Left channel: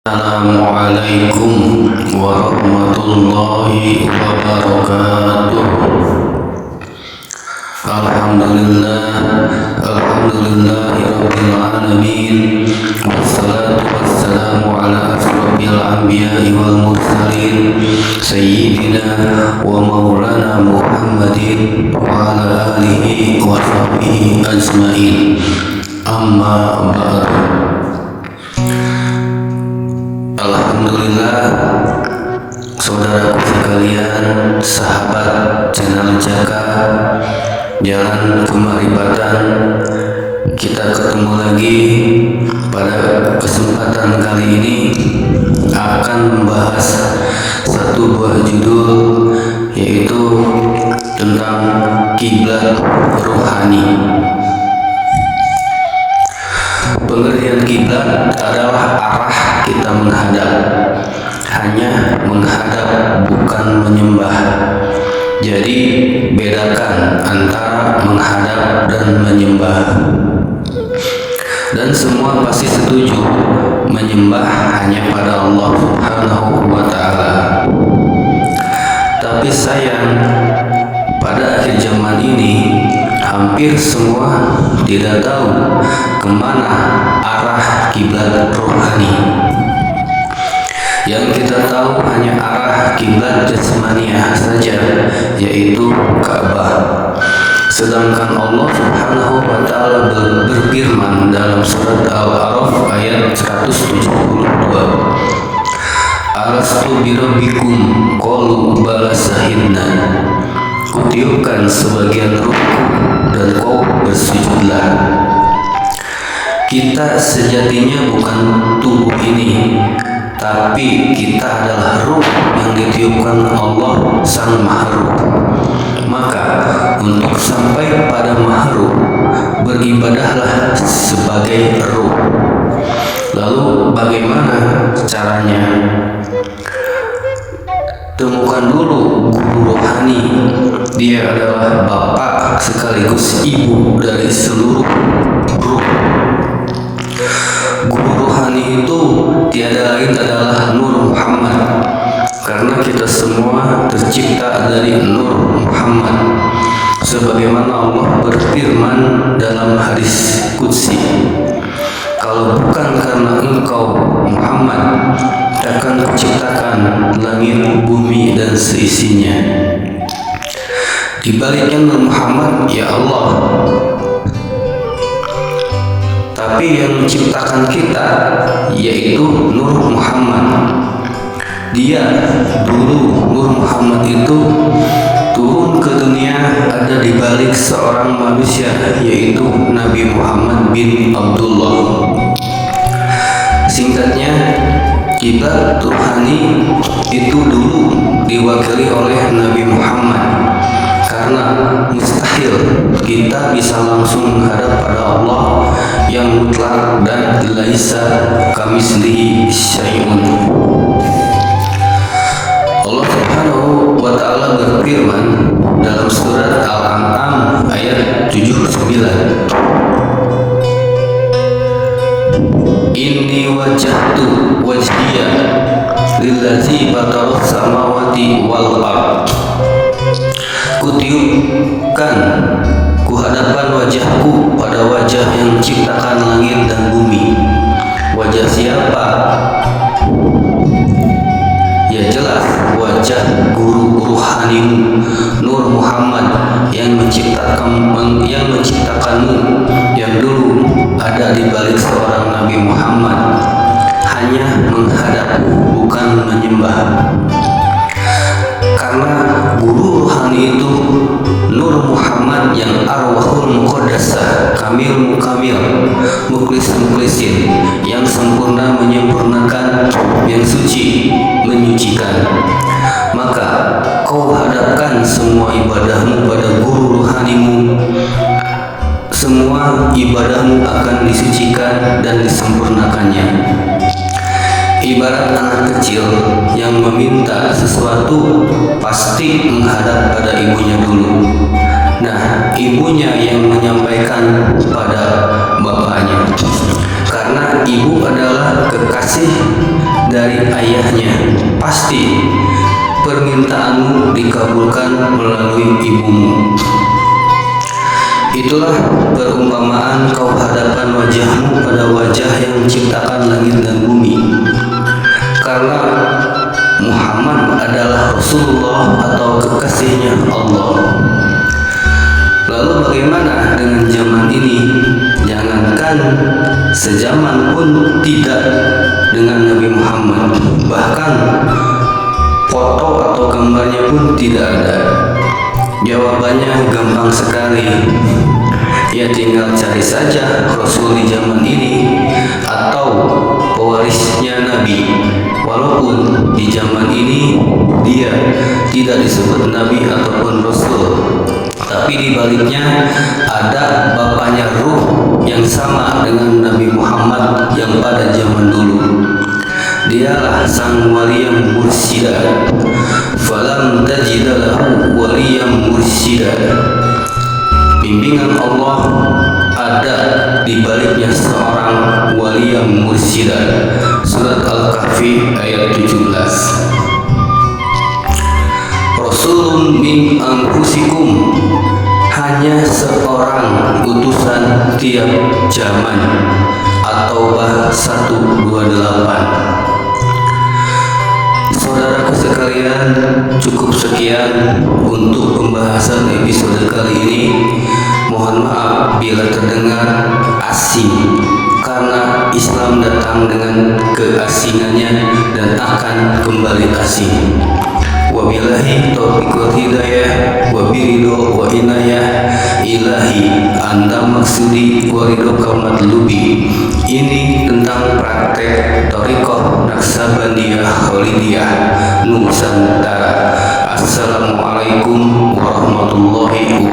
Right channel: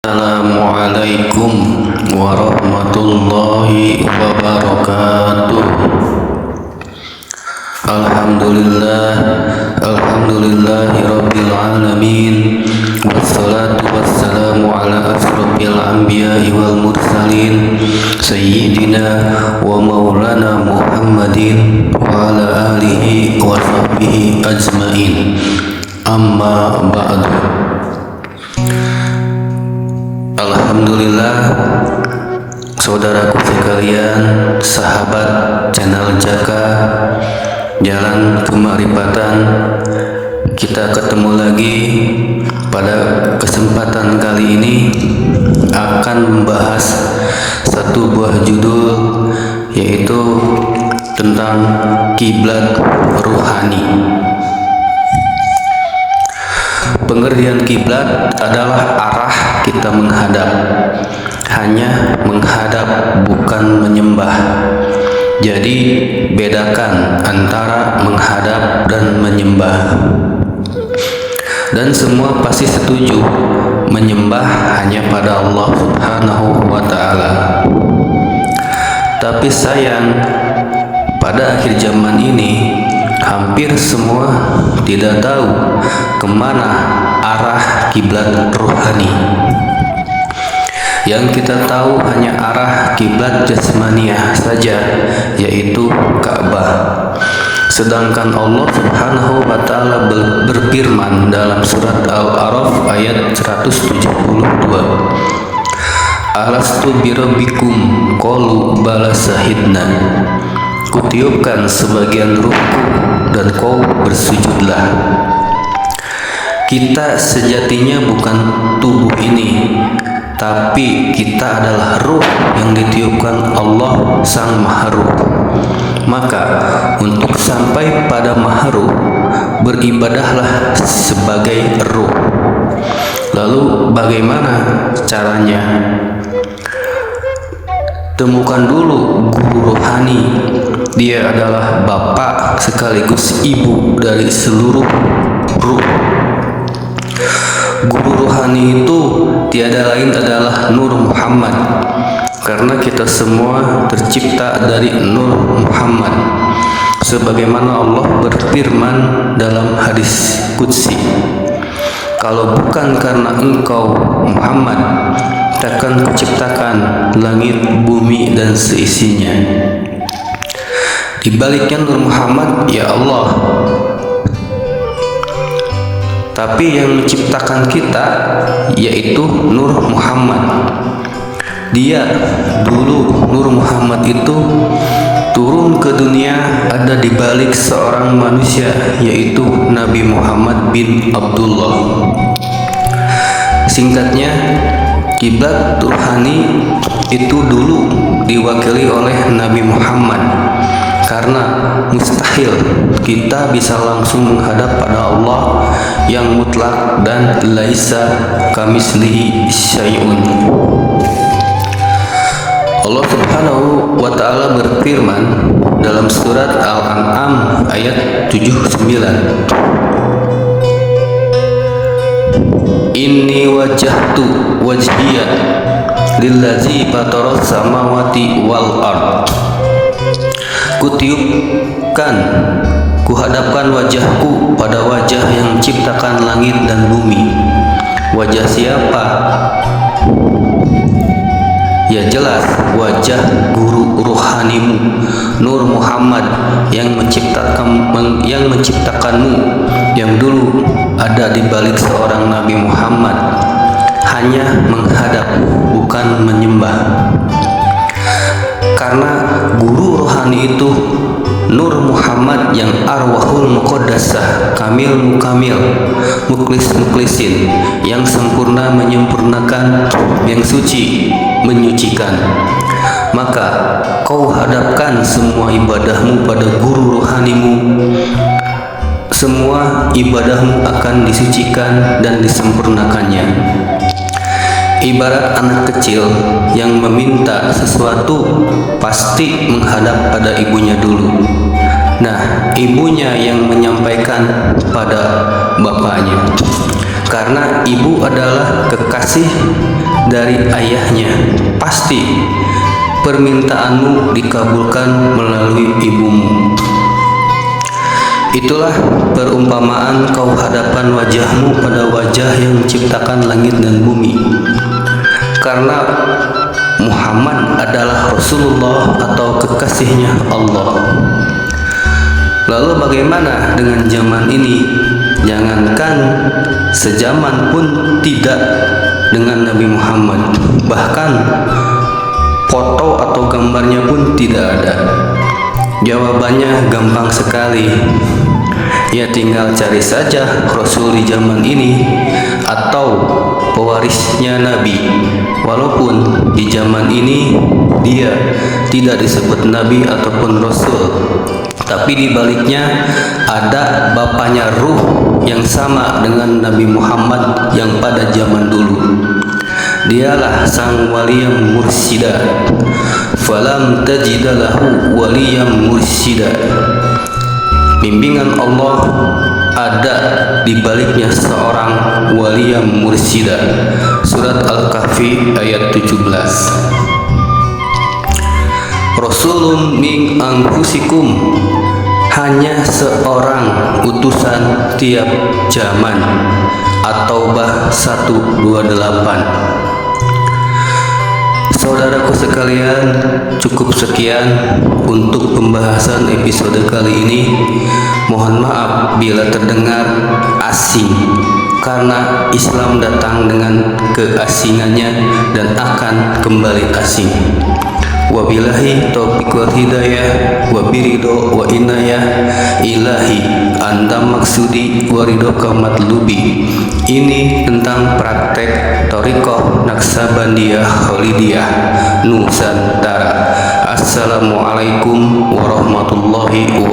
Assalamualaikum warahmatullahi wabarakatuh. Alhamdulillahi rabbil alamin. Wassalatu wassalamu ala asrofil anbiya'i wal mursalin Sayyidina wa maulana Muhammadin wa ala alihi wa sahbihi ajmain. Amma ba'du. Alhamdulillah, saudaraku sekalian, sahabat channel Jaka Jalan Kemarifatan, kita ketemu lagi. Pada kesempatan kali ini akan membahas satu buah judul, yaitu tentang kiblat ruhani. Pengertian kiblat adalah arah kita menghadap, hanya menghadap bukan menyembah. Jadi bedakan antara menghadap dan menyembah. Dan semua pasti setuju menyembah hanya pada Allah Subhanahu wa ta'ala. Tapi sayang, pada akhir zaman ini hampir semua tidak tahu kemana arah kiblat rohani. Yang kita tahu hanya arah kiblat jasmaniah saja, yaitu Ka'bah. Sedangkan Allah Subhanahu wa ta'ala berfirman dalam surat Al-A'raf ayat 172, Alastu birabbikum qalu bala sahidna. Kutiupkan sebagian ruhku dan kau bersujudlah. Kita sejatinya bukan tubuh ini, tapi kita adalah ruh yang ditiupkan Allah Sang Maharuh. Maka untuk sampai pada Maharuh, beribadahlah sebagai ruh. Lalu bagaimana caranya? Temukan dulu guru rohani. Dia adalah bapak sekaligus ibu dari seluruh ruh. Guru rohani itu tiada lain adalah Nur Muhammad, karena kita semua tercipta dari Nur Muhammad. Sebagaimana Allah berfirman dalam hadis qudsi, kalau bukan karena engkau Muhammad, takkan kuciptakan langit, bumi, dan seisinya. Di baliknya Nur Muhammad, ya Allah. Tapi yang menciptakan kita yaitu Nur Muhammad. Dia dulu, Nur Muhammad itu turun ke dunia ada di balik seorang manusia, yaitu Nabi Muhammad bin Abdullah. Singkatnya, kiblat rohani itu dulu diwakili oleh Nabi Muhammad, karena mustahil kita bisa langsung menghadap pada Allah yang mutlak dan laisa kamislihi syai'un. Allah Subhanahu wa ta'ala berfirman dalam surat Al-An'am ayat 79, Inni wajjahtu wajhiya lillazi fataras samawati wal ard. Kutiupkan, kuhadapkan wajahku pada wajah yang ciptakan langit dan bumi. Wajah siapa? Ya jelas, wajah guru ruhanimu Nur Muhammad yang menciptakanmu, yang dulu ada di balik seorang Nabi Muhammad. Hanya menghadap, bukan menyembah. Karena guru rohani itu Nur Muhammad yang arwahul muqaddasah, kamil mukamil, muklis muklisin, yang sempurna menyempurnakan, yang suci menyucikan. Maka kau hadapkan semua ibadahmu pada guru rohanimu. Semua ibadahmu akan disucikan dan disempurnakannya. Ibarat anak kecil yang meminta sesuatu, pasti menghadap pada ibunya dulu. Nah, ibunya yang menyampaikan pada bapaknya. karena ibu adalah kekasih dari ayahnya. Pasti permintaanmu dikabulkan melalui ibumu. Itulah perumpamaan kau hadapan wajahmu pada wajah yang menciptakan langit dan bumi. Karena Muhammad adalah Rasulullah atau kekasihnya Allah. Lalu bagaimana dengan zaman ini? Jangankan sejaman pun tidak dengan Nabi Muhammad. Bahkan foto atau gambarnya pun tidak ada. Jawabannya gampang sekali. Ya tinggal cari saja Rasul di zaman ini atau pewarisnya Nabi. Walaupun di zaman ini dia tidak disebut Nabi ataupun Rasul, tapi di baliknya ada bapaknya ruh yang sama dengan Nabi Muhammad yang pada zaman dulu. Dialah sang waliyam mursida. Falam tajida lahu waliyam mursida. Bimbingan Allah ada di baliknya seorang waliyam mursida. Surat Al-Kahfi ayat 17. Rasulun min anfusikum, hanya seorang utusan tiap zaman. At-Taubah 128. Saudaraku sekalian, cukup sekian untuk pembahasan episode kali ini. Mohon maaf bila terdengar asing, karena Islam datang dengan keasingannya dan akan kembali asing. Wabillahi taufiq wal hidayah, wabiridho wa inayah ilahi anta maksudi waridoka matlubi. Ini tentang praktek Thariqah Naqsabandiyah Khalidiyah Nusantara. Assalamualaikum warahmatullahi wabarakatuh.